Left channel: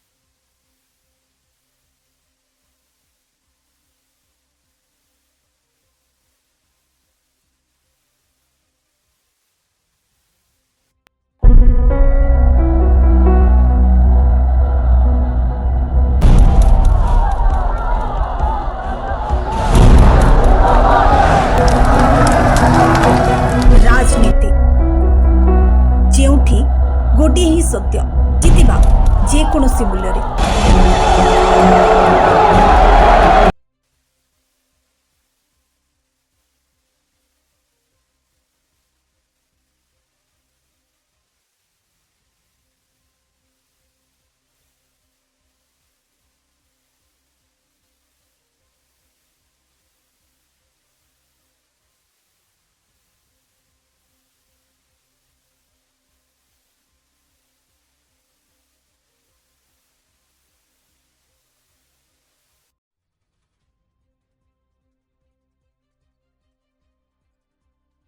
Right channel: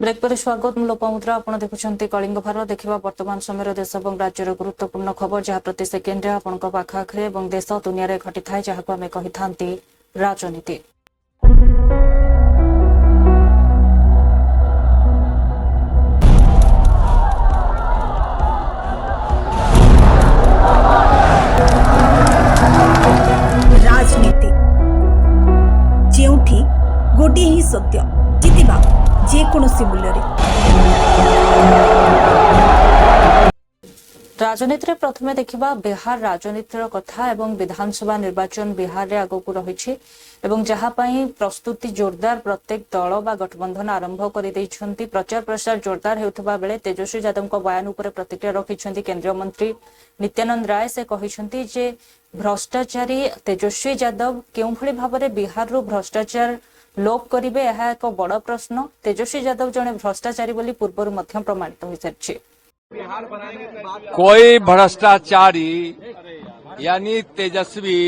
Break पर स्वागत मु लोपामुद्रा आपण देखुछंती कलिंग भारत देखिबा वर्तमान समय देश और राज्यर गुरुत्वपूर्ण खबर जहाँ प्रति सेकेंड आपण पाखाखे और देश दुनिया रे घटी थाए जहाँ आम कही थांती राजनीति। राजनीति जेउठी गोटे ही सत्य जितिबा जेकोसी मूल्य राजनीति प्रथमे देखिबा बिहार राजनीतिर कथा एवं विधानसभा निर्वाचन बिहार रे आगकू रहिछि एवं जहाँ पई प्रस्तुति जोरदार प्रत्येक दल बा गठबंधन आरंभ कर दैछंती। प्रचार प्रसार जोरदार हेउथबा बेले तेजस्वी यादव को बयान उपर प्रतिक्रिया रखिछंती केंद्रीय मंत्री नित्यानंद राय। से कहिछंती जे भ्रष्टाचारी तेजस्वी यादव केउ भली भाबरे बिहार रो भ्रष्टाचार लोप करिवे यह एक बड़ प्रश्न। तेजस्वी यादव जने भ्रष्टाचारी बोली पूर्व मध्य प्रमाणित हो सारी। कोई भ्रष्टाचारी यानी तेजस्वी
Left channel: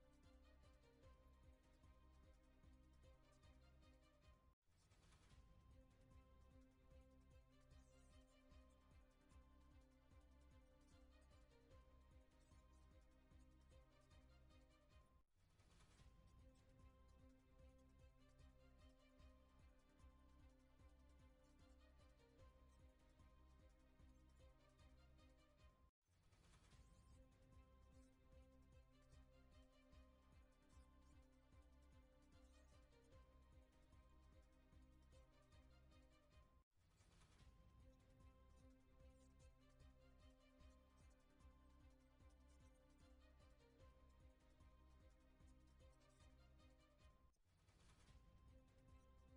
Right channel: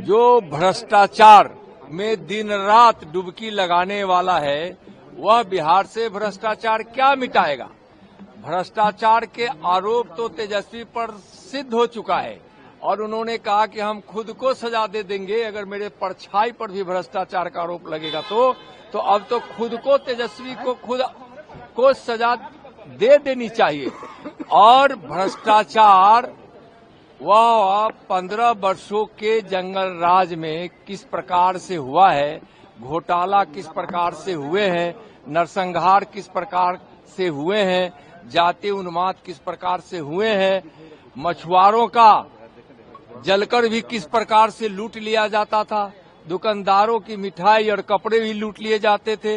जो भ्रष्टाचार में दिन रात डुबकी लगाने वाला है वह बिहार से भ्रष्टाचार क्या मिटाएगा। भ्रष्टाचार के आरोप तो तेजस्वी पर सिद्ध हो चुका है और उन्होंने कहा कि हम खुद को सजा दे देंगे अगर मेरे परछाई पर भी भ्रष्टाचार का आरोप लगेगा तो अब तो खुद को तेजस्वी को खुद को सजा दे देनी चाहिए। और भ्रष्टाचार वह 15 वर्षों के जंगल राज में किस प्रकार से हुआ है, घोटाला किस प्रकार से हुए हैं, नरसंहार किस प्रकार से हुए हैं, जातीय उन्माद किस प्रकार से हुए हैं, मछुआरों का जलकर भी किस प्रकार से लूट लिया जाता था, दुकानदारों की मिठाई और कपड़े भी लूट लिए जाते थे,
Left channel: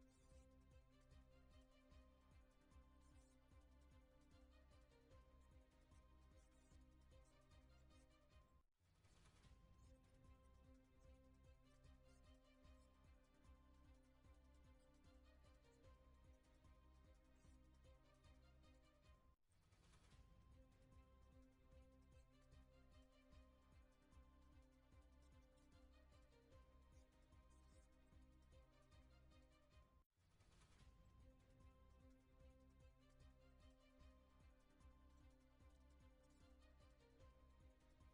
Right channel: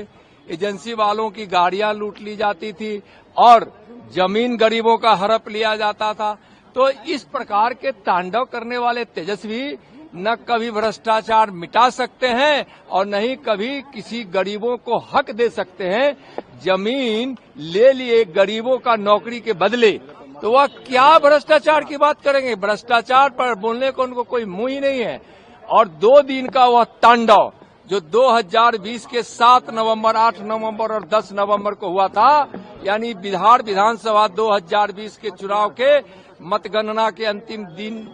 एजेंसी वालों की गाड़ियां लूट ली जाती थी और जमीन गरीबों का हड़प लिया जाता था। तो इस प्रकार के तांडव करने वाले तेजस्वी न कभी भ्रष्टाचार मिटा सकते हैं और न ही कभी किसी गरीबों को हक दे सकते हैं। जमीन ले लिए गरीबों का नौकरी के बदले तो वह क्या भ्रष्टाचार की बात करेंगे। भ्रष्टाचार पर बोलने को उनको कोई मुंह ही नहीं है। और 2 दिन का वह तांडव जो 2020 के 7 नवंबर, 8 नवंबर और 10 नवंबर को हुआ था, यानी बिहार विधानसभा 2020 के चुनाव के मतगणना के अंतिम दिन,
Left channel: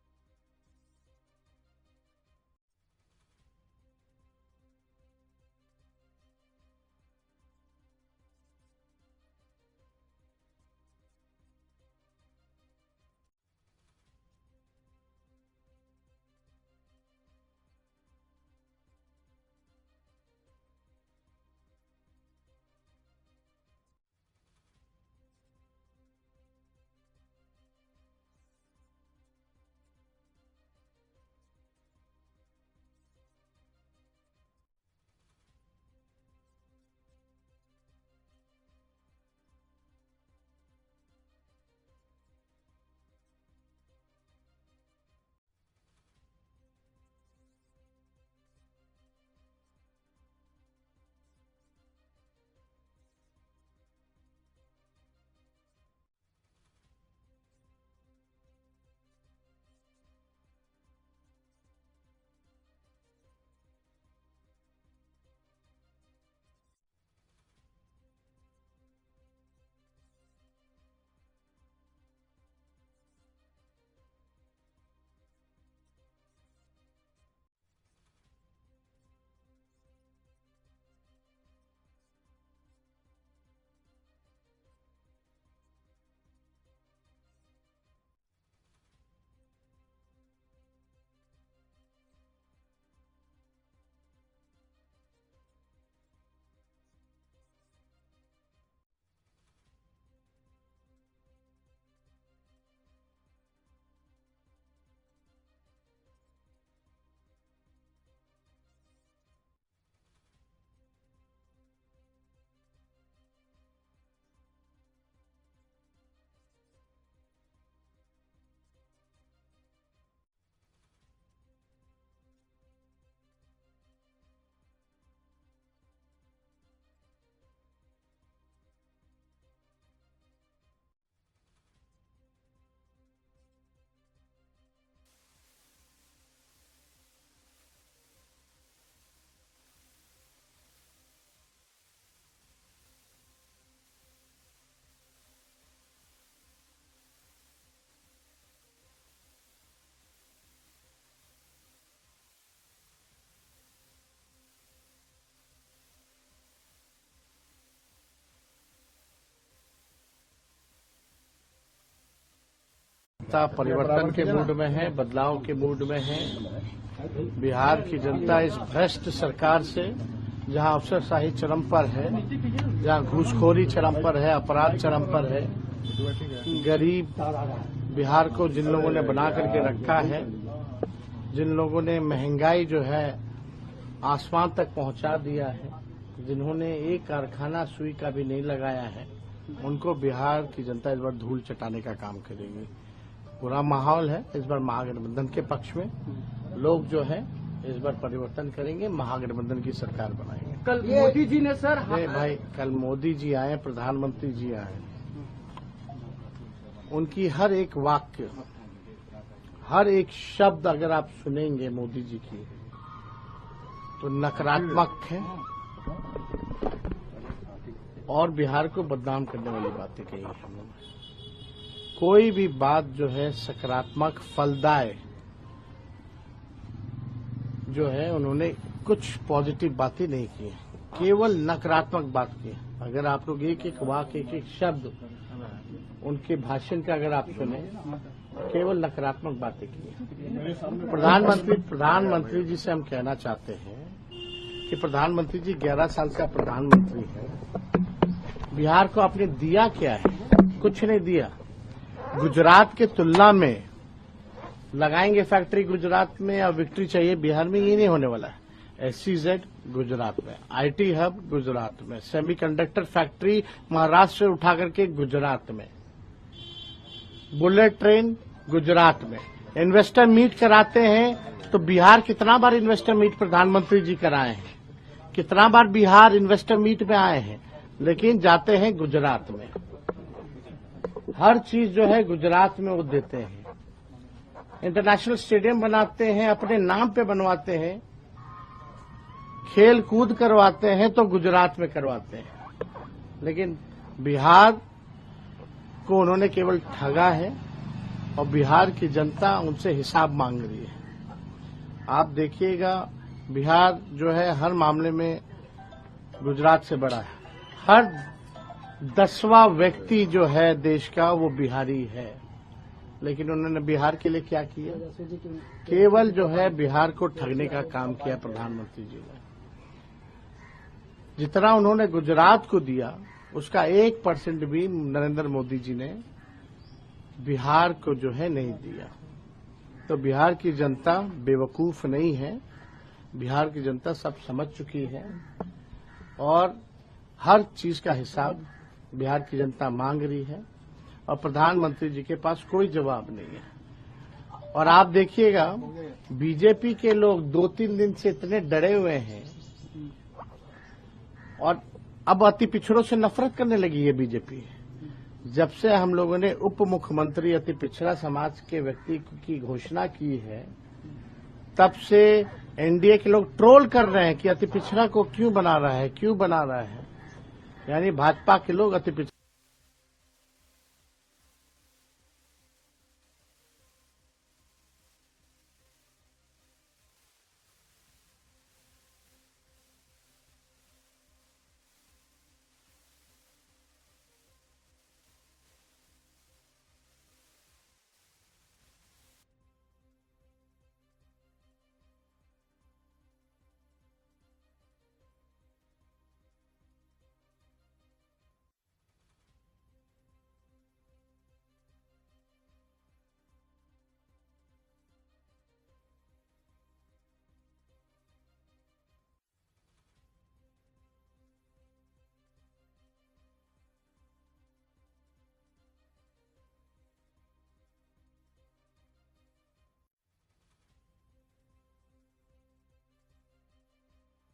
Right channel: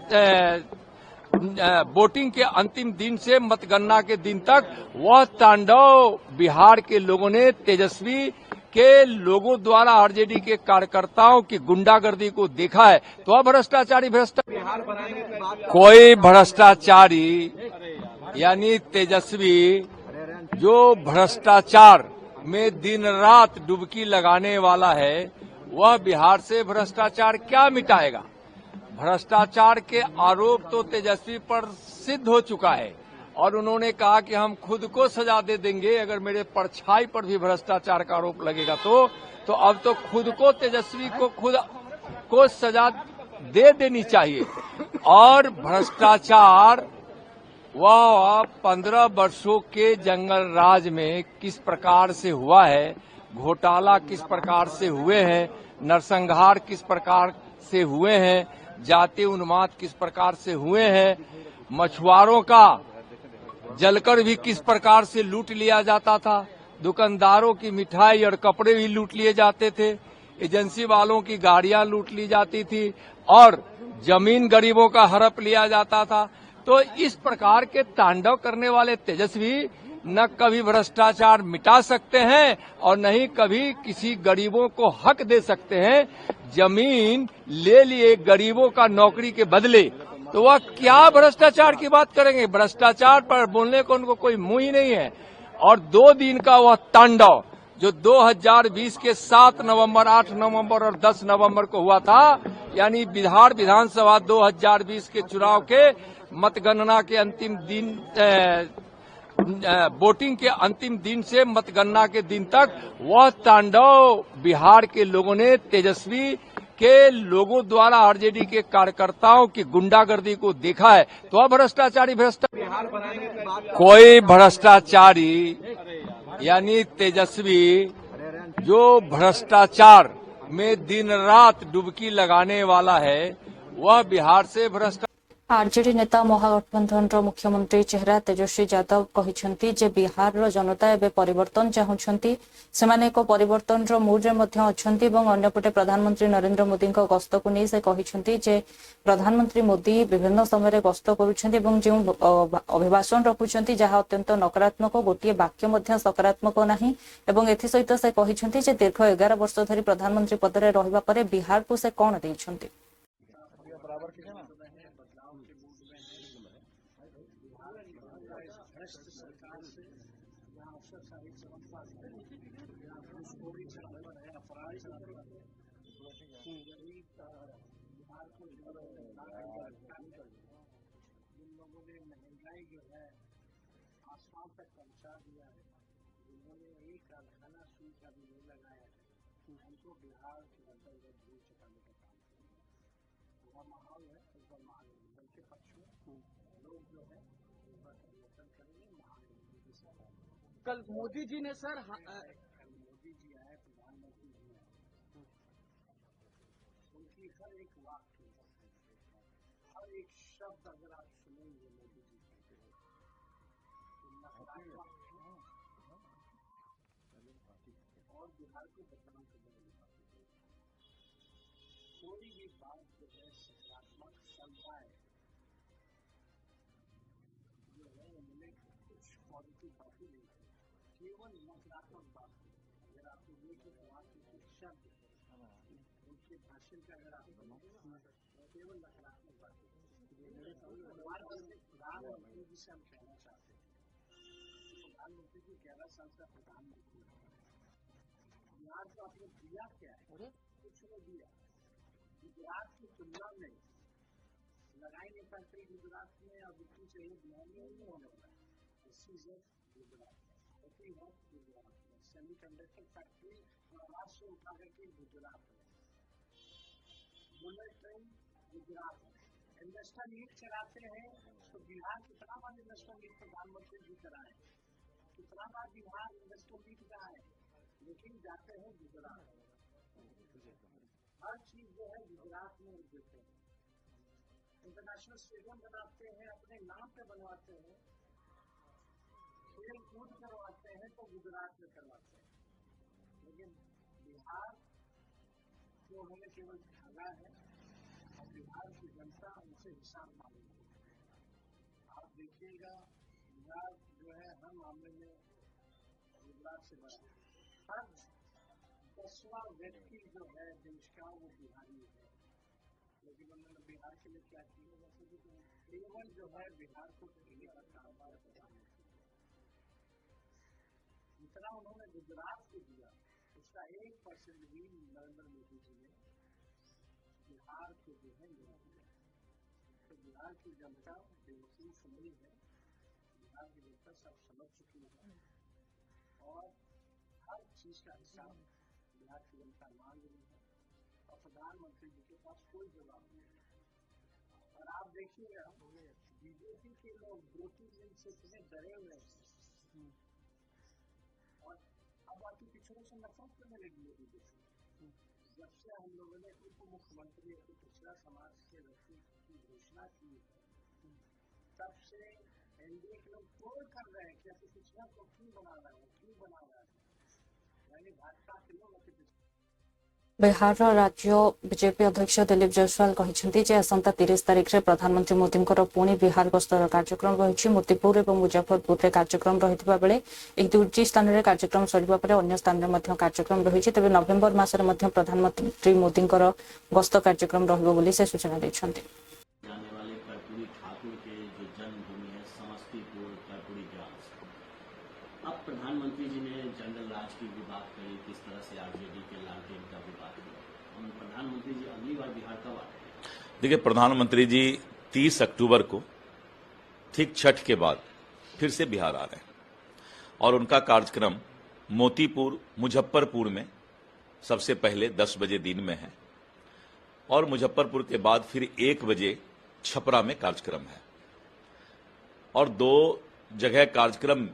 वोटिंग के अंतिम दिन से मतगणना के दिन तक वह तांडव बिहार के लोगों ने तेजस्वी के लोगों द्वारा आरजेडी के कार्यकर्ताओं की गुंडागर्दी को देखा है। तो वह भ्रष्टाचारी कोई भ्रष्टाचारी यानी तेजस्वी जो भ्रष्टाचार में दिन रात डुबकी लगाने वाला है वह बिहार से भ्रष्टाचार क्या मिटाएगा। भ्रष्टाचार के आरोप तो तेजस्वी पर सिद्ध हो चुका है और उन्होंने कहा कि हम खुद को सजा दे देंगे अगर मेरे परछाई पर भी भ्रष्टाचार का आरोप लगेगा तो अब तो खुद को तेजस्वी को खुद को सजा दे देनी चाहिए। और भ्रष्टाचार वह 15 वर्षों के जंगल राज में किस प्रकार से हुआ है, घोटाला किस प्रकार से हुए हैं, नरसंहार किस प्रकार से हुए हैं, जातीय उन्माद किस प्रकार से हुए हैं, मछुआरों का जलकर भी किस प्रकार से लूट लिया जाता था, दुकानदारों की मिठाई और कपड़े भी लूट लिए जाते थे, एजेंसी वालों की गाड़ियां लूट ली जाती थी और जमीन गरीबों का हड़प लिया जाता था। तो इस प्रकार के तांडव करने वाले तेजस्वी न कभी भ्रष्टाचार मिटा सकते हैं और न ही कभी किसी गरीबों को हक दे सकते हैं। जमीन ले लिए गरीबों का नौकरी के बदले तो वह क्या भ्रष्टाचार की बात करेंगे। भ्रष्टाचार पर बोलने को उनको कोई मुंह ही नहीं है। और 2 दिन का वह तांडव जो 2020 के 7 नवंबर, 8 नवंबर और 10 नवंबर को हुआ था, यानी बिहार विधानसभा 2020 के चुनाव के मतगणना के अंतिम दिन, वोटिंग के अंतिम दिन से मतगणना के दिन तक वह तांडव बिहार के लोगों ने तेजस्वी के लोगों द्वारा आरजेडी के कार्यकर्ताओं की गुंडागर्दी को देखा है। तो वह भ्रष्टाचारी कोई भ्रष्टाचारी यानी तेजस्वी जो भ्रष्टाचार में दिन रात डुबकी लगाने वाला है वह बिहार से भ्रष्टाचार आरजेडी नेता महागठबंधन मुख्यमंत्री चेहरा तेजस्वी यादव कहते जे बिहार जनता एवं परिवर्तन चाहूंट से एक परिवर्तन मुड्रे अंपटे प्रधानमंत्री नरेंद्र मोदी गस्त को नहीं से कहते जे प्रधानमंत्री मोदी विभिन्न समय गस्त करुँच जो अभिभाषण रखुंट जहाँ अत्यंत नकारात्मक गोटे वाक्य सकारात्मक नहीं एसत से कहते जे दीर्घ 11 वर्ष धरी प्रधानमंत्री पद में रहा बिहार को से कौन देते परिवर्तन के मूड में है, बदलाव के मूड में है। बिहार की जनता इस भ्रष्ट सरकार से, जहां अफसरशाही चरम पर है, जहां घूसखोरी चरम पर है, अपराध चरम पर है, गरीब बिहार को जिन लोगों ने बना करके रखा है, जिन लोगों ने महंगाई जो है आसमान तक पहुंचा दिया है, जिन्होंने एक कारखाना सुई का भी नहीं लगाया है, उनको बिहार की जनता इस बार धूल चटाने का काम करेगी। पूरा माहौल है इस बार महागठबंधन के पक्ष में। लोग जो है इस बार परिवर्तन करेंगे, महागठबंधन की सरकार बनाएंगे। कल मोदी जी ने सर भाई कल मोदी जी आए, प्रधानमंत्री जी आए, उनकी हर एक वाक्य, हर एक शब्द अगर आप सुनेंगे मोदी जी की तो नकारात्मक है और बिहार को बदनाम करने वाली बातें कही है। कोई भी बात जो है सकारात्मक फलदाय जो है, उन्होंने कुछ पॉजिटिव बातें नहीं की, केवल नकारात्मक बात की। अगर आप लोग एक एक वाक्य, एक एक शब्द उनके भाषण का अगर आप सुने, केवल नकारात्मक बातें की। प्रधानमंत्री जी से हम कहना चाहते हैं कि प्रधानमंत्री जी 11 साल का प्रधानमंत्री है। बिहार को आपने दिया क्या है? कुछ नहीं दिया। गुजरात के तुलना में लगाएंगे फैक्ट्री गुजरात में और विक्ट्री चाहिए बिहार में, ये नहीं होने वाला है। SEZ गुजरात में, IT हब गुजरात में, सेमीकंडक्टर फैक्ट्री महाराष्ट्र से उठा करके गुजरात में, बुलेट ट्रेन गुजरात में। इन्वेस्टर मीट कराते हैं तो बिहार कितना बार इन्वेस्टर मीट प्रधानमंत्री जी कराए हैं, कितना बार बिहार इन्वेस्टर मीट में आए हैं, लेकिन जाते हैं गुजरात में। हर चीज जो है गुजरात में वो देते हैं। इंटरनेशनल स्टेडियम बनाते हैं, अपने नाम पे बनवाते हैं, खेल कूद करवाते हैं तो गुजरात में करवाते हैं, लेकिन बिहार को उन्होंने केवल ठगा है और बिहार की जनता उनसे हिसाब मांग रही है। आप देखिएगा बिहार जो है हर मामले में गुजरात से बड़ा है। हर 10वां व्यक्ति जो है देश का वो बिहारी है, लेकिन उन्होंने बिहार के लिए क्या किया? केवल जो है बिहार को ठगने का काम किया प्रधानमंत्री जी ने। जितना उन्होंने गुजरात को दिया उसका 1% भी नरेंद्र मोदी जी ने बिहार को जो है नहीं दिया। तो बिहार की जनता बेवकूफ नहीं है, बिहार की जनता सब समझ चुकी है और हर चीज का हिसाब बिहार की जनता मांग रही है और प्रधानमंत्री जी के पास कोई जवाब नहीं है। और आप देखिएगा बीजेपी के लोग 2-3 दिन से इतने डरे हुए हैं और अब अति पिछड़ों से नफरत करने लगी है बीजेपी। जब से हम लोगों ने उप मुख्यमंत्री अति पिछड़ा समाज के व्यक्ति की घोषणा की है, तब से एनडीए के लोग ट्रोल कर रहे हैं कि अति पिछड़ा को क्यों बना रहा है, क्यों बना रहा है। यानी भाजपा के लोग अति पिछड़ा। बिहार राज्य बीजेपी अध्यक्ष दिलीप जायसवाल कहते जे आसंता 30 तारिख में प्रधानमंत्री मोदी पुणी बिहार गस्तर कार्यक्रम रही। मोतीपुर और मुजफ्फरपुर में कार्यक्रम रही बेले दुईटी स्थान में कार्यक्रम सरिबा परे अन्य स्थान में कार्यक्रम रही। तेज नवेम्बर मासरे प्रधानमंत्री मोदी गस्त कार्यक्रम रही से सूचना देते। प्रधानमंत्री जी ने जनरल राज की भी बात करी, किस तरह से आरजेडी के लालटेन का भी बात किया। और प्रधानमंत्री जी अगली बार बिहार कब आ रहे हैं? देखिए, प्रधानमंत्री जी 30 अक्टूबर को ठीक छठ के बाद फिर से बिहार आ रहे हैं और उनका कार्यक्रम मोतीपुर मुजफ्फरपुर में सबसे पहले 10 बजे दिन में है और मुजफ्फरपुर के बाद फिर 1 बजे छपरा में कार्यक्रम है और 2 जगह कार्यक्रम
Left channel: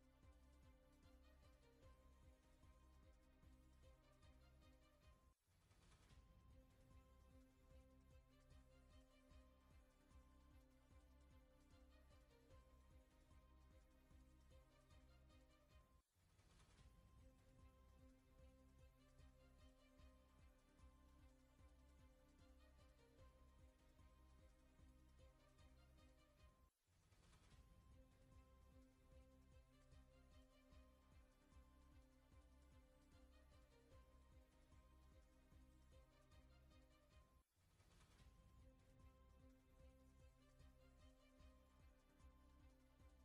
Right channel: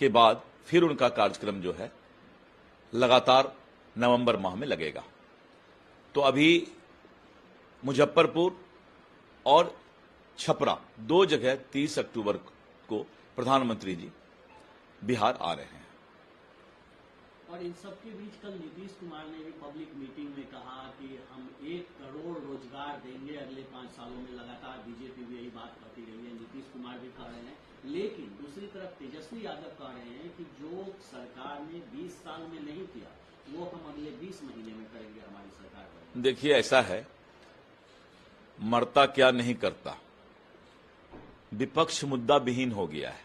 के बाद फिर उनका कार्यक्रम जो है लगातार नवंबर माह में लगेगा। तो अभी मुजफ्फरपुर और छपरा, 2 जगह 30 अक्टूबर को प्रधानमंत्री जी बिहार आ रहे हैं। और इन सब के बीच कल नीतीश कुमार ने भी पब्लिक मीटिंग में कहा कि हम 1 करोड़ रोजगार देंगे अगले 5 सालों में। लगातार बीजेपी भी यही बात करती रही है, नीतीश कुमार भी कह रहे हैं, लेकिन दूसरी तरफ तेजस्वी यादव कह रहे हैं कि जो सरकार ने 20 साल में नहीं किया वो हम अगले 20 महीने में करेंगे हमारी सरकार पर। देखिए, ऐसा है, मरता क्या नहीं करता, विपक्ष मुद्दा विहीन हो गया है।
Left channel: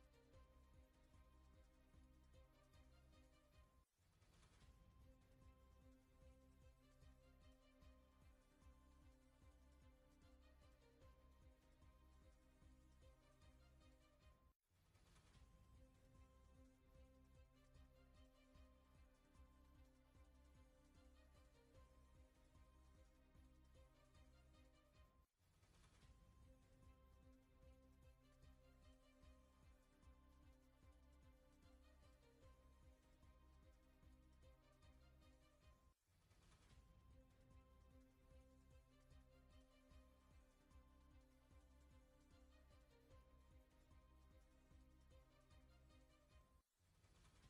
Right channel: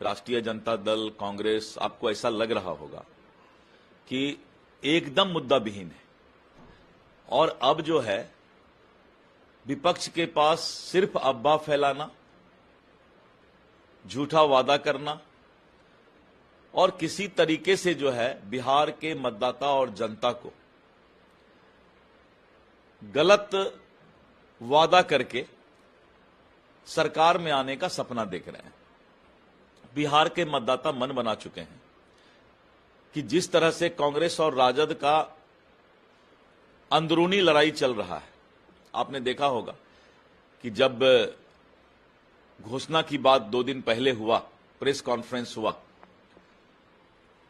राष्ट्रीय जनता दल, कांग्रेस, आपको ऐसा लग रहा होगा कि एकदम मुद्दा विहीन है, और अब जो है विपक्ष के पास सिर्फ अफवाह फैलाना, झूठा वादा करना और किसी तरीके से जो है बिहार के मतदाता और जनता को गलत वादा करके सरकार में आने का सपना देख रहे हैं। बिहार के मतदाता मन बना चुके हैं कि जिस तरह से कांग्रेस और राजद का अंदरूनी लड़ाई चल रहा है, आपने देखा होगा कि जब घोषणा की बात 2 दिन पहले हुआ, प्रेस कॉन्फ्रेंस हुआ,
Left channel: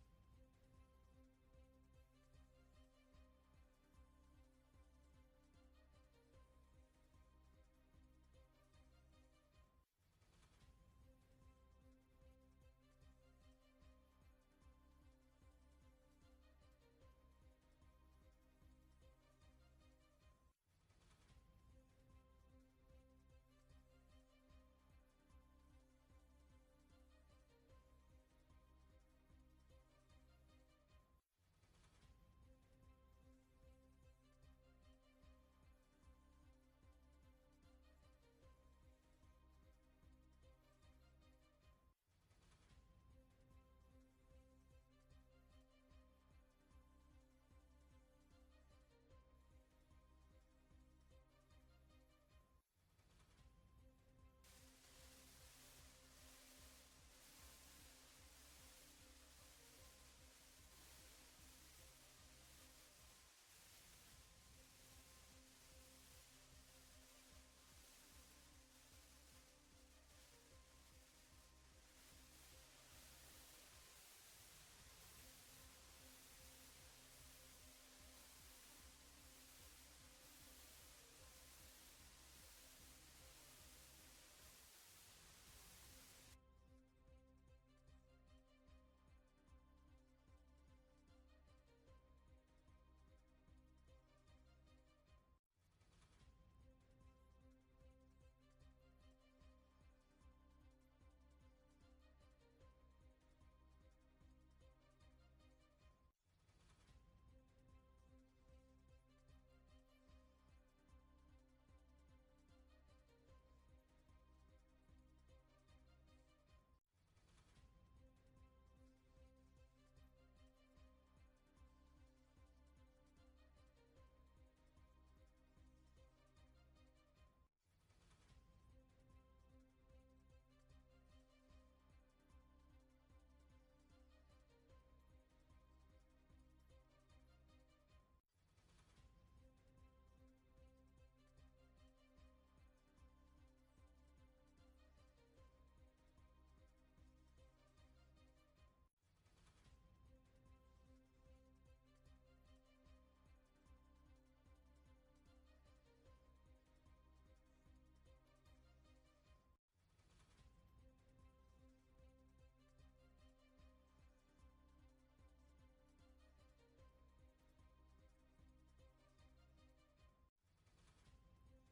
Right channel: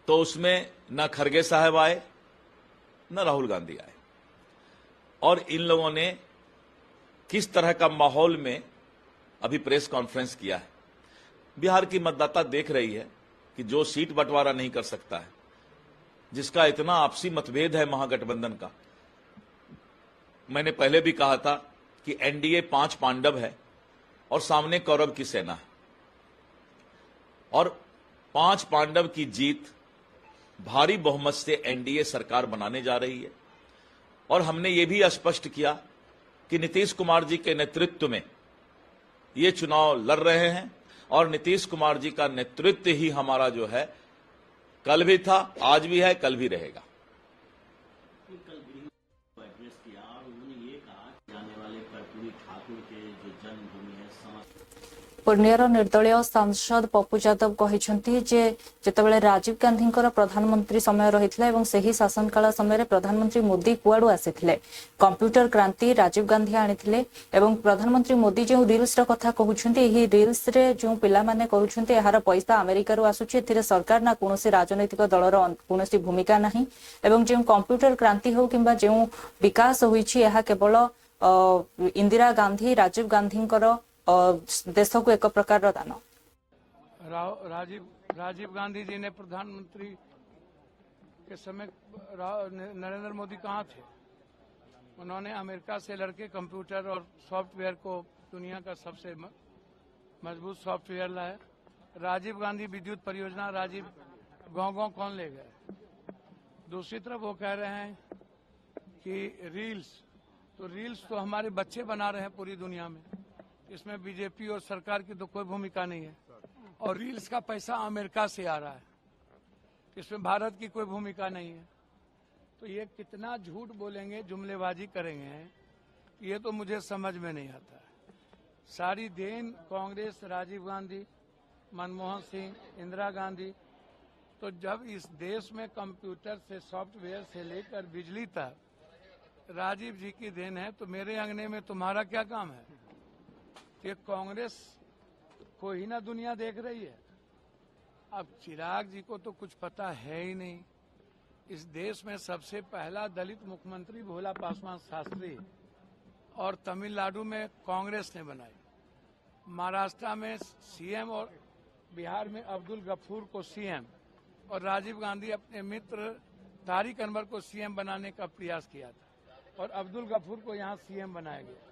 तो उसमें न खरगे साहब आए न राहुल गांधी आए, और इन लोगों ने किस तरह का माहौल में अभी प्रेस कॉन्फ्रेंस किया है। बिहार की मतदाता देख रही है कि जो सीट बंटवारा नहीं कर सकता है, जिसका इतना आपसी मतभेद है महागठबंधन का। मैंने पहले भी कहा था कि एनडीए 5 पांडव है और सामने कौरव की सेना है, और 5 पांडव की जीत भारी बहुमत से एनडीए सरकार बनाने जा रही है। और हमने ये भी स्पष्ट किया कि नीतीश कुमार जी के नेतृत्व में ये चुनाव लड़ रहे हैं, और नीतीश कुमार जी का नेतृत्व ही हमारा जो है कल भी था, आज भी है, कल भी रहेगा। कल गृह को एड्रेस किया और उन्होंने ये कहा कि जाने वाले कर्पूरी ठाकुर के जो जन्मभूमि है पूर्णियार निर्दलीय सांसद पप्पू यादव कहते जे जितेबाला राजीव गांधी प्रधानमंत्री समय रही और सही शासन काल समय प्रधानमंत्री मोदी कुआड़ू आसी कंप्यूटर क्रांति राजीव गांधी आनी एवं प्रधानमंत्री मोदी जो रिल्स कथा कहते रिल्स जो पिलाने कर पैसा अमेरिकार आसूची सरकार ना कौन राजनैतिक दलर कौन भूमिका ना एवं जो कंप्यूटर क्रांति हो कि जो विकास होईछि यह केवल इंदिरा गांधी राजीव गांधी देश को एक प्रकार दान। राजीव गांधी जी ने प्रधानमंत्री के समय नरेंद्र मोदी कहाँ थे? उन्होंने अमेरिका से लड़के कंप्यूटर और सॉफ्टवेयर को दुनिया का सबसे मजबूत सॉफ्टवेयर लाया। राजीव गांधी विद्युत परियोजना, राजीव गांव कौन ले गए? दूसरी तरफ वो कह रहे हैं कि रील्स तो हमारे बच्चे बना रहे हैं पूरी दुनिया में, इसमें बीजेपी और सरकार की तो कोई भूमिका नहीं है, और रील्स का पैसा अमेरिका से आ रहा है, इसमें भारत की कोई भूमिका नहीं है। तो ये कितना झूठ बोलेंगे, जुमलेबाजी करेंगे, ये तो मुझे समझ में नहीं आता। सारी देन कांग्रेस, राजीव गांधी, मनमोहन सिंह, इंदिरा गांधी। तो जब इस देश में कंप्यूटर से सॉफ्टवेयर से लेकर बिजली तक राजीव जी की देन है, तो मेरे अंगने में तुम्हारा क्या काम है? ये कांग्रेस को ही ना दुनिया देख रही है। अब चिराग जी को तो कुछ पता है ही नहीं। इस देश में सबसे पहला दलित मुख्यमंत्री भोला पासवान शास्त्री, और तमिलनाडु में कांग्रेस ने बनाई, महाराष्ट्र में सीएम, और बिहार में अब्दुल गफूर को सीएम, और राजीव गांधी अपने मित्र तारिक अनवर को सीएम बनाने का प्रयास किया था, और अब्दुल गफूर को यहाँ सीएम बनाया गया।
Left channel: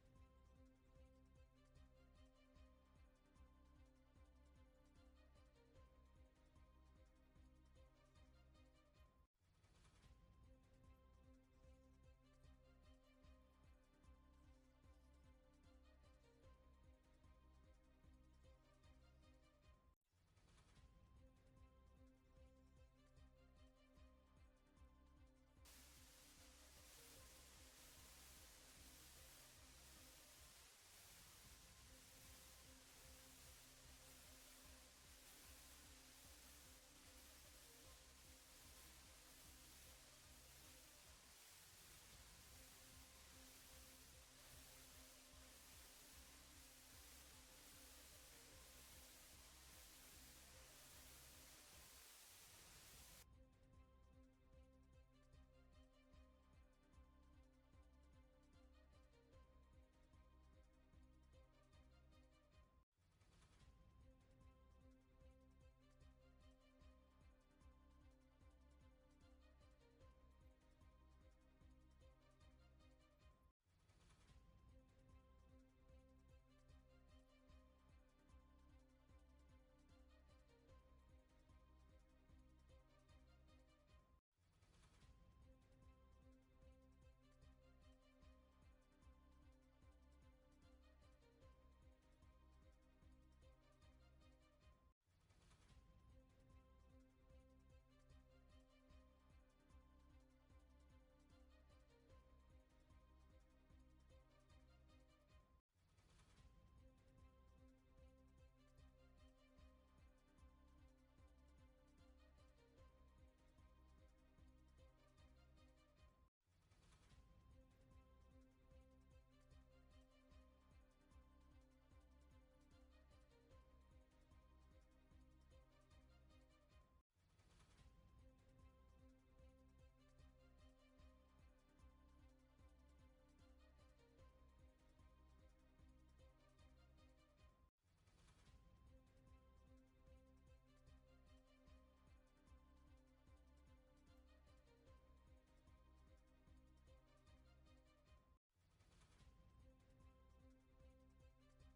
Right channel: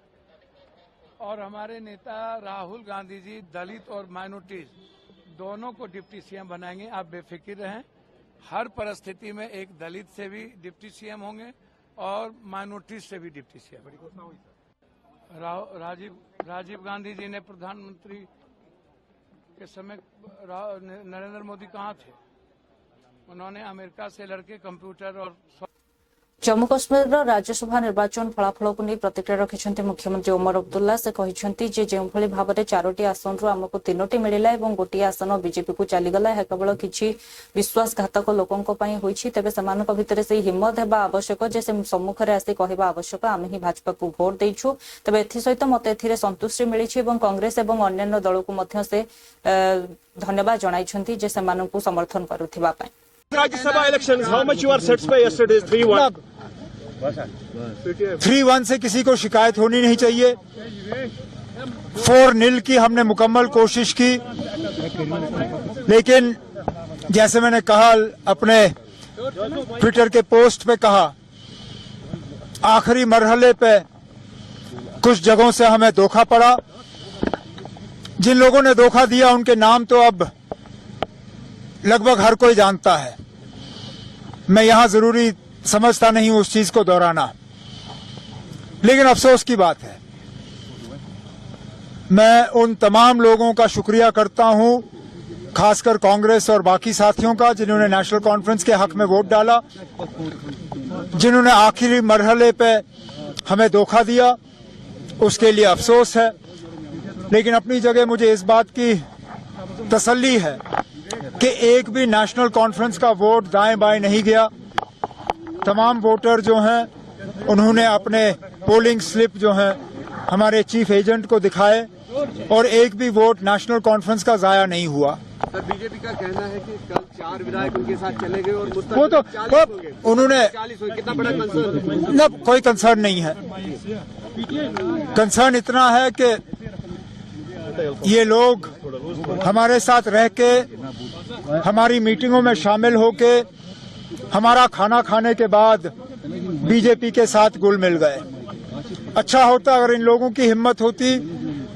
और हमारे नेता राहुल गांधी जी दलित और माइनॉरिटीज दोनों को डिप्टी सीएम बनाएंगे। आप बेफिक्र रहें, हर परिस्थिति में एक दलित से भी डिप्टी सीएम होंगे और माइनॉरिटीज से भी डिप्टी सीएम। राजीव गांधी जी ने प्रधानमंत्री के समय नरेंद्र मोदी कहाँ थे? उन्होंने अमेरिका से लड़के कंप्यूटर और जम्मू कश्मीर राज्यसभा निर्वाचन फलाफल को नहीं प्रतिक्रिया रखिंट मुख्यमंत्री ओमर अब्दुल्ला से कहते जो भाव में 4टी आसन रु आमको 3टी मिला और गोटे आसन बीजेपी को चलीगला यह केवल किसी विश्वासघातक लोकों होती तेज से भितर से हिम्मत है आवश्यक जे से सम्मुखें आसी कहवा आवश्यक आम ही भाजपा को भोट देचु तेज एसत मत ए संतुष्टि मिली कांग्रेस और अन्य दल को से धन्यवाद जनाई जे से समर्थन करुवा Rajya Sabha elections, how much you are satisfied yesterday? 3-1. 3-1 से किसी को शिकायत होनी नहीं चाहिए। 4-0 की हमने मुकम्मल कोशिश की, लेकिन जैसे मैंने कहा अपने ट्विटर के पोस्ट पे कहा, आखिरी मरहले पे कुछ जगहों से हमें धोखा पड़ा। जिन लोगों ने धोखा दिया उनके नाम तो अब लगभग हर कोई जानता है, मैं यहां जरूरी समझता नहीं हूं उस चीज को दोहराना, लेकिन अफसोस की बात है। मैं उन तमाम लोगों का शुक्रिया करता हूं, खासकर कांग्रेस और बाकी साथियों का, जिन्होंने नेशनल कॉन्फ्रेंस के हक में वोट डाला, जिन्होंने आखिरी मरहले पे हमें धोखा दिया, उसके लिए अफसोस है। लेकिन अपनी जगह मुझे इस बात की तसल्ली है कि एक भी नेशनल कॉन्फ्रेंस का वोट दाएं बाएं नहीं गया। तमाम वोटर जो हैं उन्होंने अपने पोलिंग स्लिप जो हैं हमारे चीफ एजेंट को दिखाए और एक भी वोट नेशनल कॉन्फ्रेंस का जाया नहीं हुआ। सर, बीजेपी का कहना है कि कल 4 विधायक उनके साथ चले गए और वो तो उन्होंने 40 हो, कितना बड़ा कंसर्न? न, कोई कंसर्न नहीं है। कंसर्न इतना है कि ये लोग हमारे साथ रह के, हमारी मीटिंगों में शामिल होके, हमारा खाना खाने के बाद बीजेपी के साथ घुल मिल गए। अच्छा होता अगर इन लोगों की हिम्मत होती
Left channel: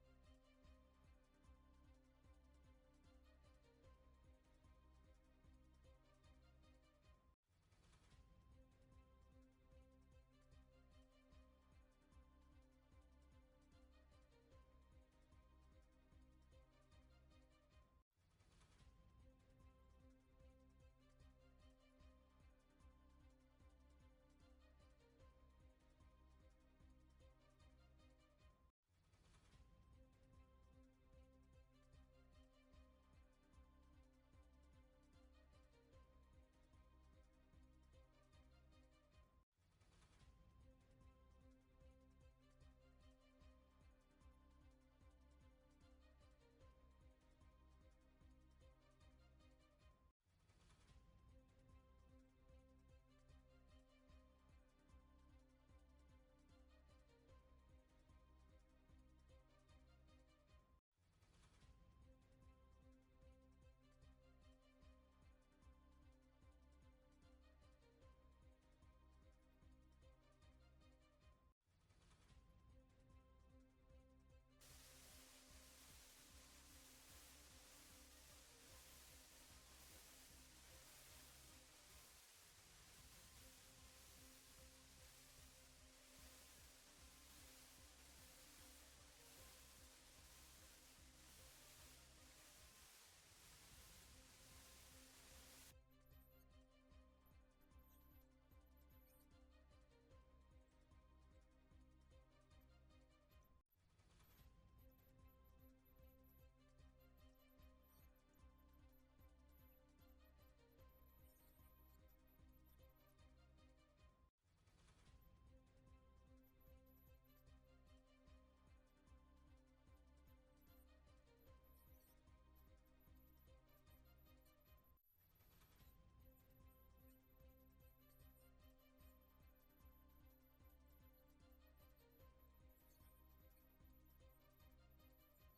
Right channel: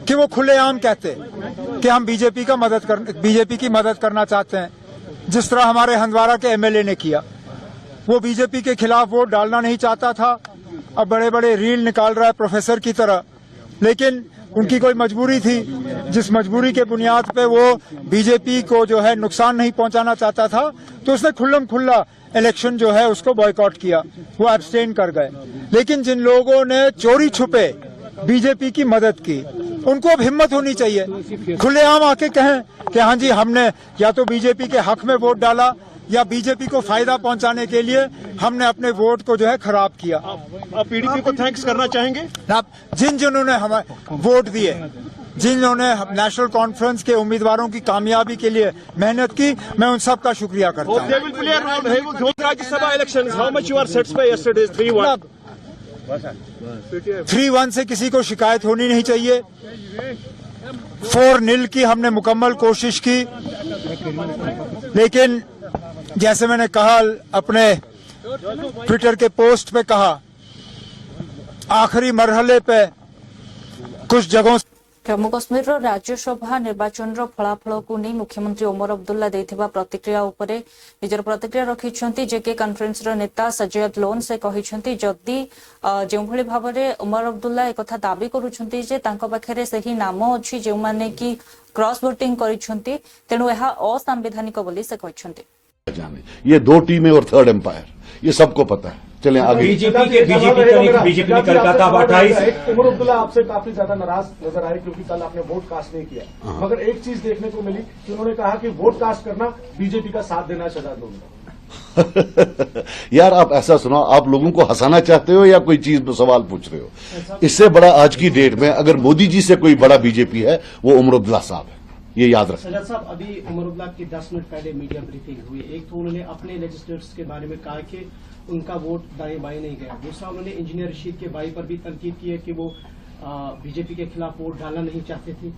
कि वो खुलेआम कहते कि हम बीजेपी की मदद करना चाहते हैं, जिस तरह हमारे हंदवाड़ा के एमएलए ने किया। वो बीजेपी के खिलाफ वोट डालना नहीं चाहता था, अब बड़े बड़े रील निकाल रहा है प्रोफेसर की तरह, लेकिन उनकी कोई मजबूरी थी, जिस मजबूरी के बुनियाद पे वो बीजेपी को जो है नुकसान नहीं पहुंचाना चाहता था, तो उसने खुल्लम खुल्ला इलेक्शन जो है उसको बॉयकॉट किया, वो एब्सटेन कर गए। लेकिन जिन लोगों ने चोरी छुपे बीजेपी की मदद की, उनको अब हिम्मत होनी चाहिए, खुलेआम आके कहें कि हाँ जी हमने या तो बीजेपी के हक में वोट डाला या बीजेपी को फायदा पहुंचाने के लिए हमने अपने वोट को जो है खराब किया। आप पीडीपी को थैंक्स करना चाहेंगे? जिन्होंने हमें वोट दिए, जिन्होंने नेशनल कॉन्फ्रेंस के उम्मीदवारों की कामयाबी के लिए मेहनत की, मैं उन सब का शुक्रिया करता हूँ। Rajya Sabha election, how much you are satisfied yesterday? 3-1. 3-1 से किसी को शिकायत होनी नहीं चाहिए। 4-0 की हमने मुकम्मल कोशिश की, लेकिन जैसे मैंने कहा अपने ट्विटर के पोस्ट पे कहा, आखिरी मरहले पे कुछ जगहों जम्मू कश्मीर राज्यसभा निर्वाचन फलाफल को नहीं मुख्यमंत्री ओमर अब्दुल्ला देथिबा प्रतिक्रिया उपरे निजर प्रतिक्रिया रखिछंती जेके कॉन्फ्रेंस नेता सजयद लोन से कहिछंती जदि जो भली भाव में ओमर अब्दुल्ला एक कथा दाबी करूछंती जे तांको पाखरे सही नाम अछि जे माने की क्रॉस वोटिंग करिछंती, तेणु यह असंवैधानिक बोली से कहिछंती। ये 2 टीमें और थर्ड एम्पायर, ये सबको पता है। चलें आगे। बीजेपी ने कलकत्ता 28 उमर अब्दुल्ला आपसे काफी ज्यादा नाराज नजर आए क्योंकि कल आपने वोट कास्ट नहीं किया, मगर एक चीज देखने को मिली कि उन्होंने कहा कि वोट कास्ट करना बीजेपी का साथ देना शहजाद लोन। यार आप ऐसा सुनाओ, आप लोगों को हंसाना चाहते हो या कोई चीज में सवाल पूछ रहे हो? इससे बड़ा आज की डेट में अगर मोदी जी से कोई बड़ा बीजेपी है वो उमर अब्दुल्ला साहब है, ये याद रखें। सजाद साहब, अभी उमर अब्दुल्ला की 10 मिनट पहले मीडिया ब्रीफिंग हुई। एक तो उन्होंने अपने लेजिस्लेटर्स के बारे में कहा कि उनका वोट दाएं बाएं नहीं गया। दूसरा, उन्होंने इंजीनियर रशीद के भाई पर भी तनकीद की है कि वो बीजेपी के खिलाफ वोट डालना नहीं चाहते थे।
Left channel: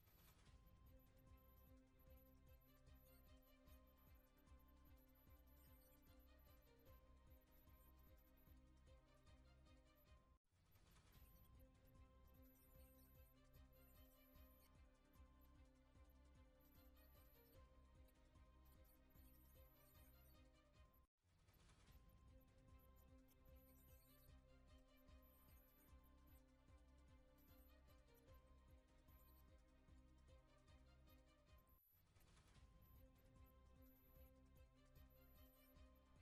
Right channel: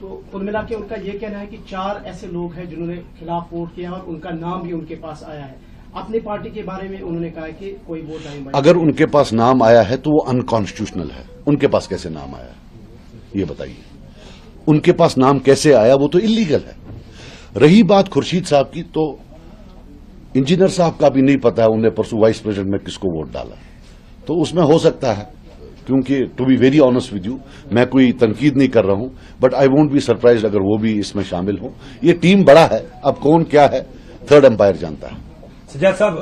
तो कुल मिला के उनका ये कहना है कि 4 ऐसे लोग हैं जिन्होंने खिलाफ वोट किया और उनका नाम भी उनके पास आया है। अपनी पार्टी के बारे में उन्होंने कहा कि कोई वोट दाएं बाएं। अगर उनके पास नाम आया है तो वो अनकॉन्स्टिट्यूशनल है। उनके पास कैसे नाम आया ये बताइए? उनके पास नाम कैसे आया? वो तो इलीगल है। रही बात खुर्शीद साहब की, तो इंजीनियर साहब का भी नहीं पता है उन्हें परसों वाइस प्रेसिडेंट में किसको वोट डाला, तो उसमें हो सकता है, क्योंकि to be very honest with you, मैं कोई तनकीद नहीं कर रहा हूं, but I won't be surprised अगर वो भी इसमें शामिल हो। ये टीम बड़ा है, अब कौन क्या है थर्ड एम्पायर जानता है। सज्जाद साहब,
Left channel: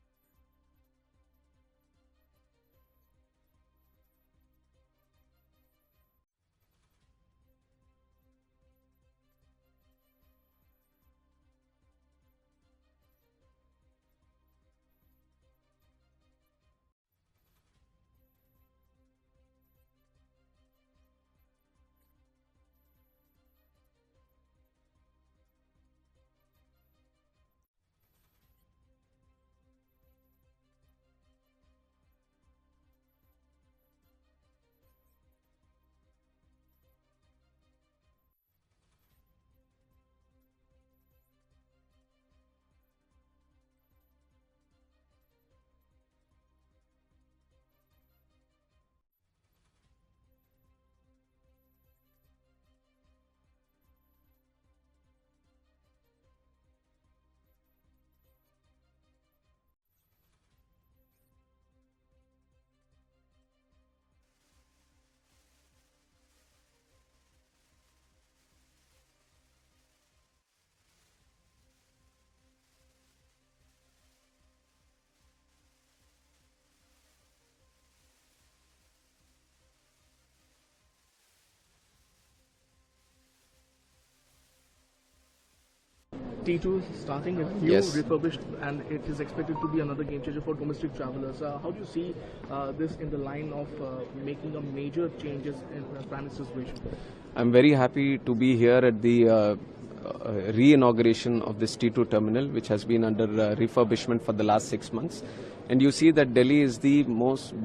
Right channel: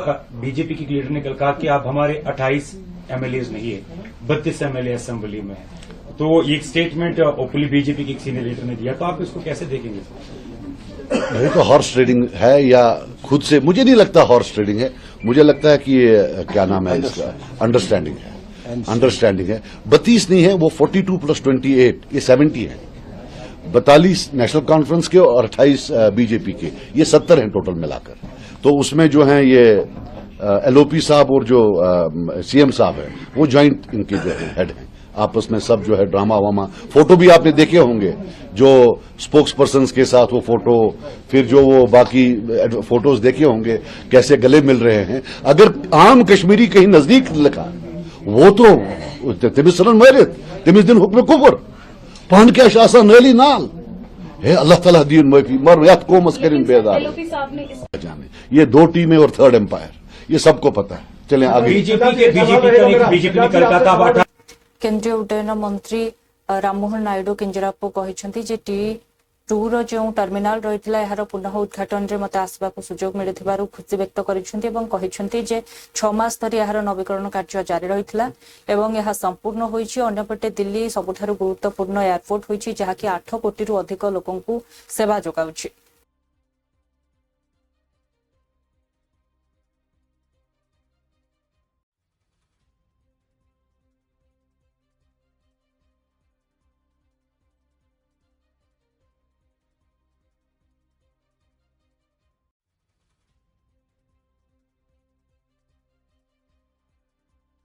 बीजेपी की लीडर ने कल कहा कि आप हमारे 28 एमएलए नहीं है, 32 एमएलए असेंबली में है। तो ये एक स्टेटमेंट ओपनली बीजेपी के सीनियर लीडर ने दिया, तो आप इसको कैसे देखेंगे? नहीं तो हॉर्स ट्रेडिंग है या खुद से, मुझे नहीं लगता हॉर्स ट्रेडिंग है। मुझे लगता है कि ये क्या नाम है इसका, अंडरस्टैंडिंग है। 32 नहीं है, वो 42 + 28 ये 70 है। 42 नेशनल कॉन्फ्रेंस के और 28 बीजेपी के, ये 70 हैं टोटल मिलाकर। तो उसमें जो है ये एलओपी साहब और जो सीएम साहब है वो ज्वाइंट इनके जो हेड हैं। आपस में सब जो है ड्रामा वामा, फोटो भी आपने देखे होंगे, जो स्पोक्स पर्सन के साथ वो फोटो, फिर जो वो बाकी फोटोज देखे होंगे कैसे गले मिल रहे हैं। अगर आम कश्मीरी कहीं नजदीक लिखा वो तो तिमिस मरित तिमिस दिन हुक्म कुफर पान क्या शासा नली नाल है। अल्लाह ताला दीन माफी मर याद कोमस करिन बेदार जाने। ये 2 टीमें और थर्ड एम्पायर, ये सबको पता है। चलें आगे। बीजेपी ने कल कहा था। केंद्रीय उड्डयन मंत्री राममोहन नायडू केंजरापु कहते जे T2 रो जो टर्मिनाल रही यार पुनः उद्घाटन में मत आसवा सुजोग मिलू खुशी व्यक्त करते जे 6 मास धरी यार नवीकरण कार्य जारी रही यह संपूर्ण होपटे दिल्ली सबुठारु गुरुत्वपूर्ण एयरपोर्ट होती जहाँकि 8 कोटी अधिक लोकंकु सेवा जोगाउछि। T2 starting is new, refurbished, and it is expected to be another game changer for domestic travelers. How do you see this in the line of making a major changes in Prime Minister's vision? I'm very happy to be here at the re-inauguration of this T2 terminal, which has been under refurbishment for the last 6 months. And you see that Delhi is the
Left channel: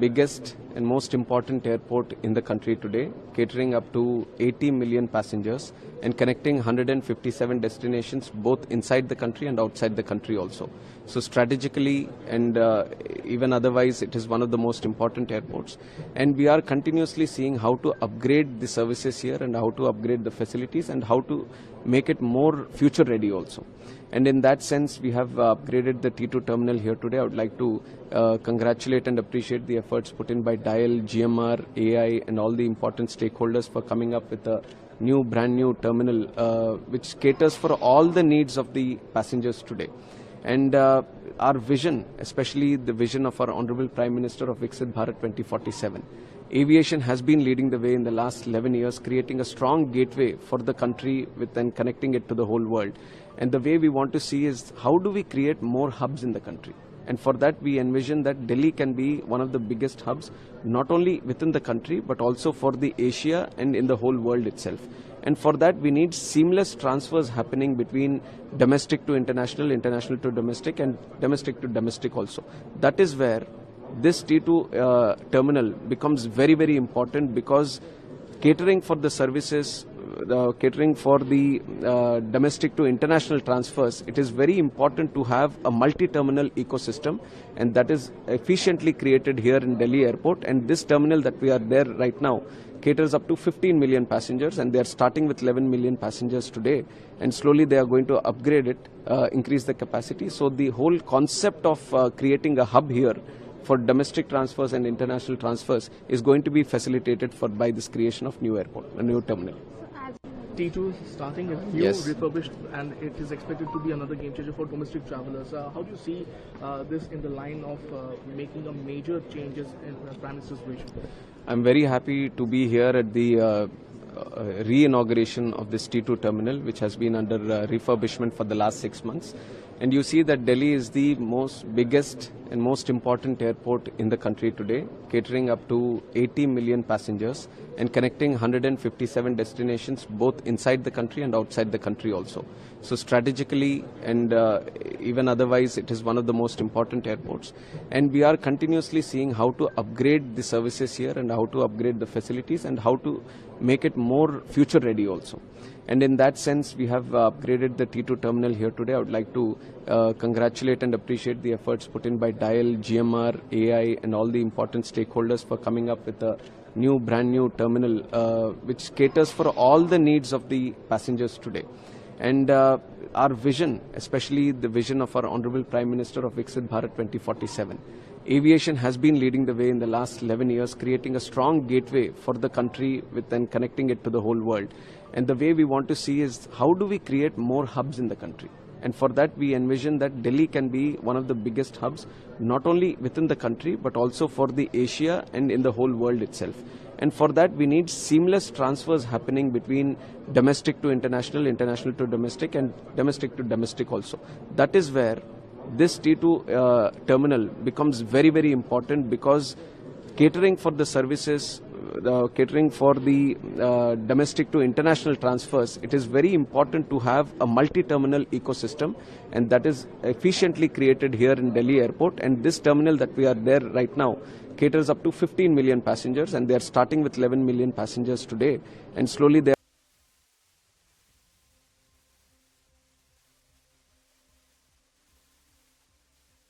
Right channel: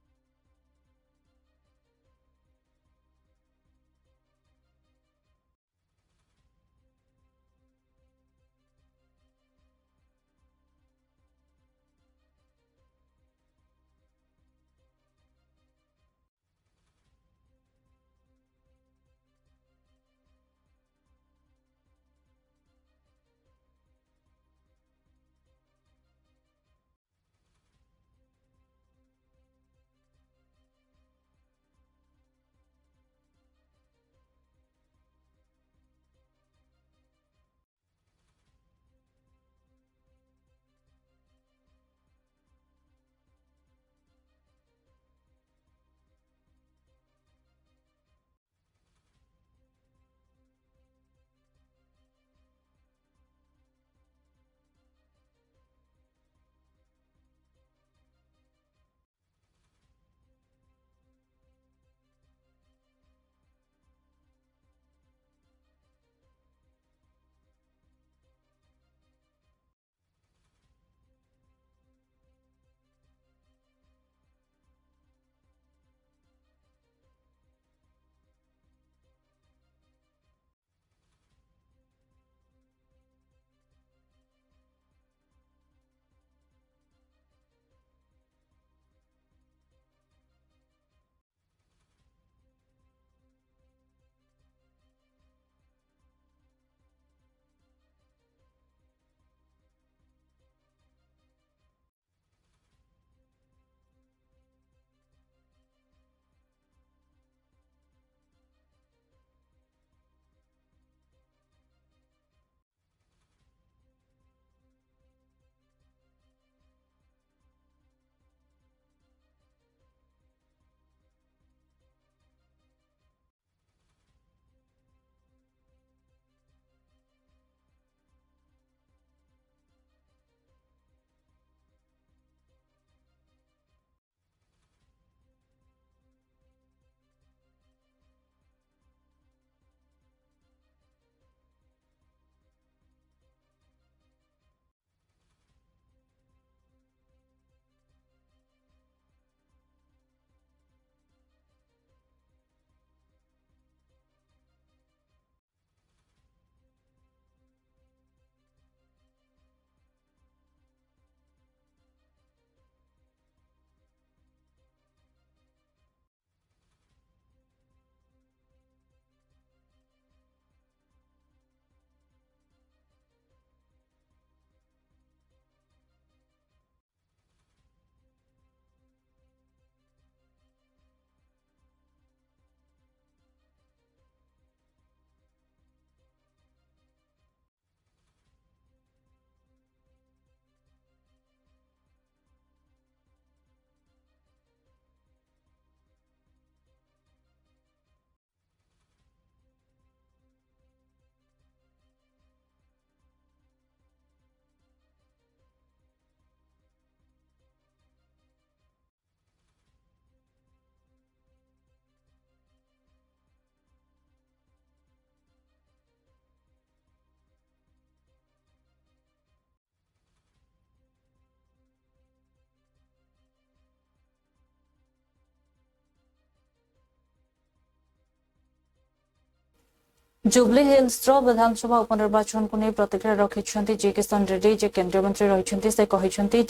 biggest and most important airport in the country today, catering up to 80 million passengers and connecting 157 destinations both inside the country and outside the country also. So strategically and even otherwise, it is one of the most important airports. And we are continuously seeing how to upgrade the services here and how to upgrade the facilities and how to make it more future ready also. And in that sense, we have upgraded the T2 terminal here today. I would like to congratulate and appreciate the efforts put in by DIAL, GMR, AI, and all the important stakeholders for coming up with a brand new terminal which caters for all the needs of the passengers today. And our vision, especially the vision of our Honorable Prime Minister of Viksit Bharat 2047, aviation has been leading the way in the last 11 years, creating a strong gateway for the country and connecting it to the whole world. And the way we want to see is how do we create more hubs in the country? And for that, we envision that Delhi can be one of the biggest hubs, not only within the country, but also for the Asia and in the whole world itself. And for that, we need seamless transfers happening between domestic to international, international to domestic, and domestic to domestic also. That is where this T2 terminal becomes very, very important, because catering for the services, catering for the domestic to international transfers, it is very important to have a multi-terminal ecosystem, and that is efficiently created here in Delhi Airport. And this terminal that we are there right now caters up to 15 million passengers, and they are starting with 11 million passengers today, and slowly they are going to upgrade it, increase the capacity. So the whole concept of creating a hub here for domestic transfers and international transfers is going to be facilitated by this creation of new airport, a new terminal. T2 starting is new, refurbished, and it is expected to be another game changer for domestic travelers. How do you see this in the line of making a major changes in Prime Minister's vision? I'm very happy to be here at the re-inauguration of this T2 terminal, which has been under refurbishment for the last 6 months. And you see that Delhi is the biggest and most important airport in the country today, catering up to 80 million passengers and connecting 157 destinations both inside the country and outside the country also. So strategically and even otherwise, it is one of the most important airports. And we are continuously seeing how to upgrade the services here and how to upgrade the facilities and how to make it more future ready also. And in that sense, we have upgraded the T2 terminal here today. I would like to congratulate and appreciate the efforts put in by DIAL, GMR, AI, and all the important stakeholders for coming up with a brand new terminal which caters for all the needs of the passengers today. And our vision, especially the vision of our Honorable Prime Minister of Viksit Bharat 2047, aviation has been leading the way in the last 11 years, creating a strong gateway for the country and connecting it to the whole world. And the way we want to see is how do we create more hubs in the country? And for that, we envision that Delhi can be one of the biggest hubs, not only within the country, but also for the Asia and in the whole world itself. And for that, we need seamless transfers happening between domestic to international, international to domestic, and domestic to domestic also. That is where this T2 terminal becomes very, very important, because catering for the services, catering for the domestic to international transfers, it is very important to have a multi-terminal ecosystem, and that is efficiently created here in Delhi Airport. And this terminal that we are there right now caters up to 15 million passengers, and they are starting with 11 million passengers today, and slowly they Jubilee Hills विधानसभा उपनिर्वाचन को नहीं प्रतिक्रिया रखिंट जे किशन रेड्डी जे केंद्रीय मंत्री रही से कहते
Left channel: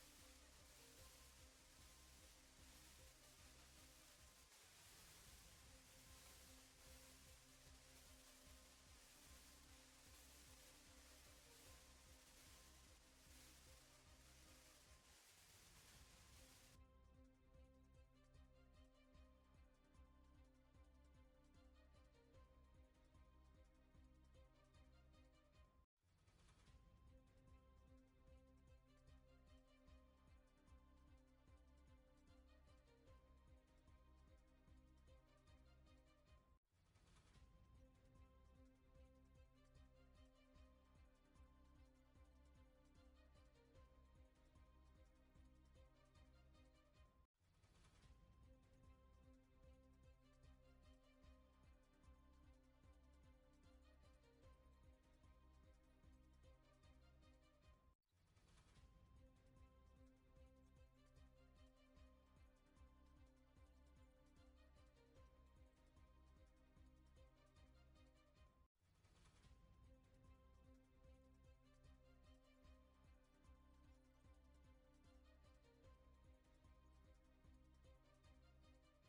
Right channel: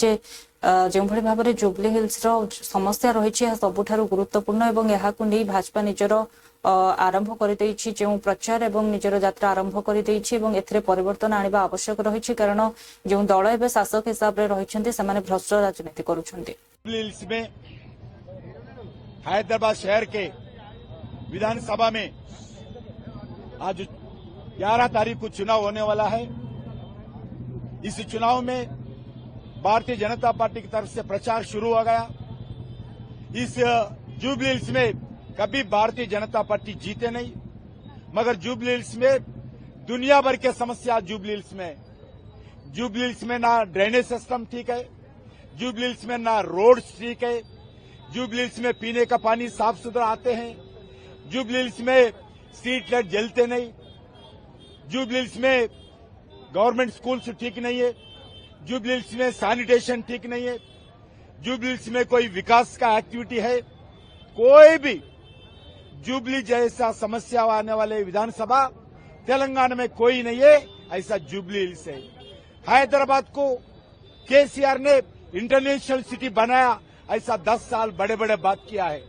जो भाव में जुबली हिल्स समस्या रही सबुठारु गुरुत्वपूर्ण और यहाँ भाजपा निजर आरंभ कर जो प्रचार और निजर यात्रा आरंभ कर परिवर्तन आने आवश्यक रही कारण जो दल एवं शासक हिसाब से रही से भ्रष्ट राजनीति कर हैदराबाद शहर के विधानसभा में आज 11 तारीख को चुनाव होने वाला है। इस चुनाव में भारतीय जनता पार्टी की तरफ से प्रचार शुरू हो गया। इस जुबली हिल्स में कभी भारतीय जनता पार्टी जीते नहीं, मगर जुबली हिल्स में दुनिया भर के समस्या जुबली हिल्स में ना ड्रेनेज सिस्टम ठीक है, जुबली हिल्स में ना रोड्स ठीक है, जुबली हिल्स में पीने का पानी साफ सुथरा आते हैं, जुबली हिल्स में स्ट्रीट लाइट जलते नहीं, जुबली हिल्स में गवर्नमेंट स्कूल्स ठीक नहीं है, जुबली हिल्स में सैनिटेशन ठीक नहीं है, जुबली हिल्स में कोई विकास का एक्टिविटी है, कोई भी जुबली जैसा समस्या आने वाले विधानसभा तेलंगाना में कोई नहीं है, ऐसा जुबली हिल्स है। हैदराबाद को केसीआर ने इंटरनेशनल सिटी बनाया, ऐसा 10 साल बड़े बड़े बात किया है।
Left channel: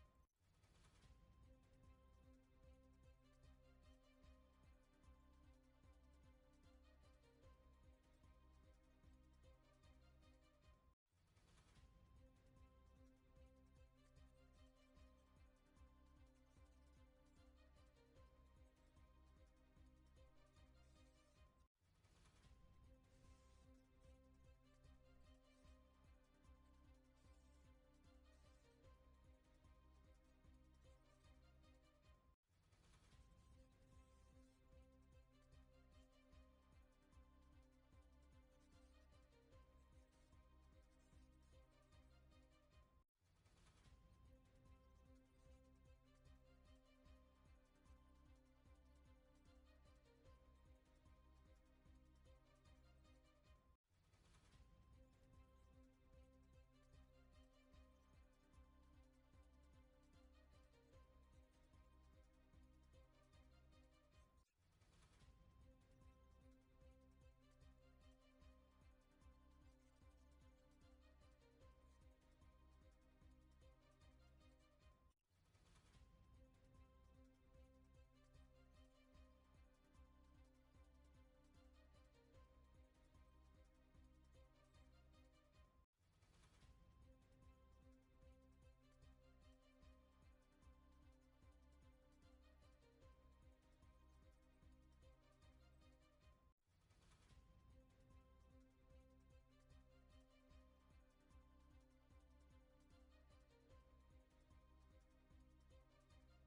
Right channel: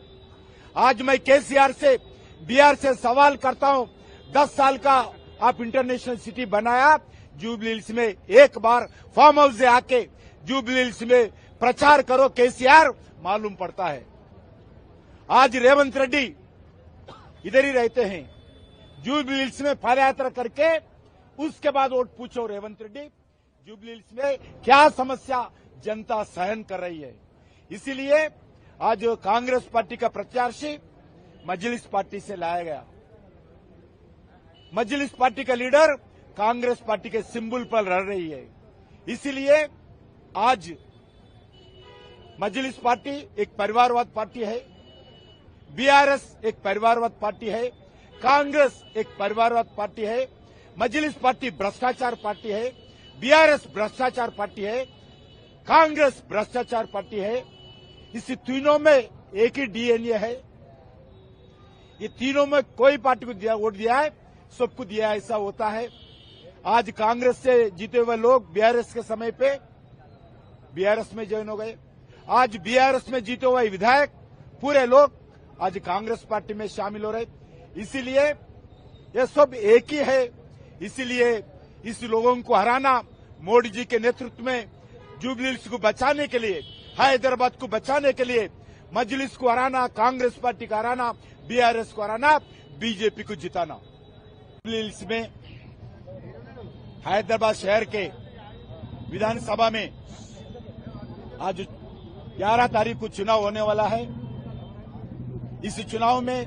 आज मैं केसीआर से बिहार से सवाल करता हूं, 10 साल का आप इंटरनेशनल सिटी बनाया, जुबली हिल्स में एक बार फार्म हाउस से आके जुबली हिल्स में प्रचार करो केसीआर, मालूम पड़ता है। आज रेवंत रेड्डी इधर ही रहते हैं, जुबली हिल्स में पदयात्रा करके उसके बाद वोट पूछो रेवंत रेड्डी, जुबली हिल्स में क्या समस्या जनता सहन कर रही है। इसीलिए आज कांग्रेस पार्टी का प्रत्याशी मजलिस पार्टी से लाया गया। मजलिस पार्टी का लीडर कांग्रेस पार्टी के सिंबल पर लड़ रही है। इसीलिए आज मजलिस पार्टी एक परिवारवाद पार्टी है, बीआरएस एक परिवारवाद पार्टी है, कांग्रेस एक परिवारवाद पार्टी है, मजलिस पार्टी भ्रष्टाचार पार्टी है, बीआरएस भ्रष्टाचार पार्टी है, कांग्रेस भ्रष्टाचार पार्टी है। इस तीनों में एक ही डीएनए है। ये तीनों में कोई पार्टी को वोट दिया है, सबको दिया है, ऐसा होता है। आज कांग्रेस से जीते हुए लोग बीआरएस के समय पे बीआरएस में ज्वाइन हो गए। आज बीआरएस में जीते हुए विधायक पूरे लोग आज कांग्रेस पार्टी में शामिल हो रहे। इसीलिए ये सब एक ही है। इसीलिए इस लोगों को हराना, मोदी जी के नेतृत्व में जुबली हिल्स को बचाने के लिए, हैदराबाद को बचाने के लिए मजलिस को हराना, कांग्रेस पार्टी को हराना, बीआरएस को हराना, बीजेपी को जिताना। जुबली हिल्स में हैदराबाद शहर के विधानसभा में आज 11 तारीख को चुनाव होने वाला है। इस चुनाव में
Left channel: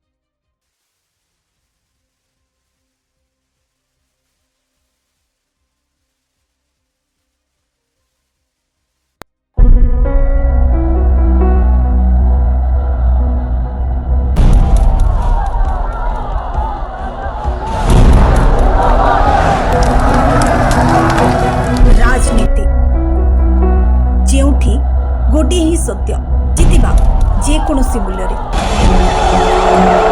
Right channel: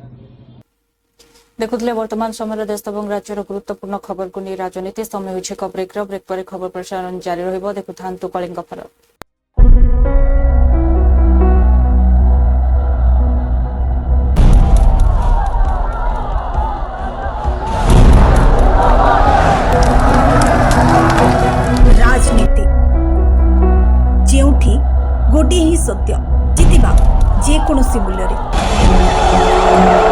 देखुले वर्तमान समय देश और राज्यर गुरुत्वपूर्ण खबर को नहीं राजनीति समय हो ब्रेक पर खबर प्रसारण जारी रहिबो। देखु थांतु कलिंग फरक। राजनीति जेउठी गोटे ही सत्य जितिबा जे कोनोसी मूल्य रे।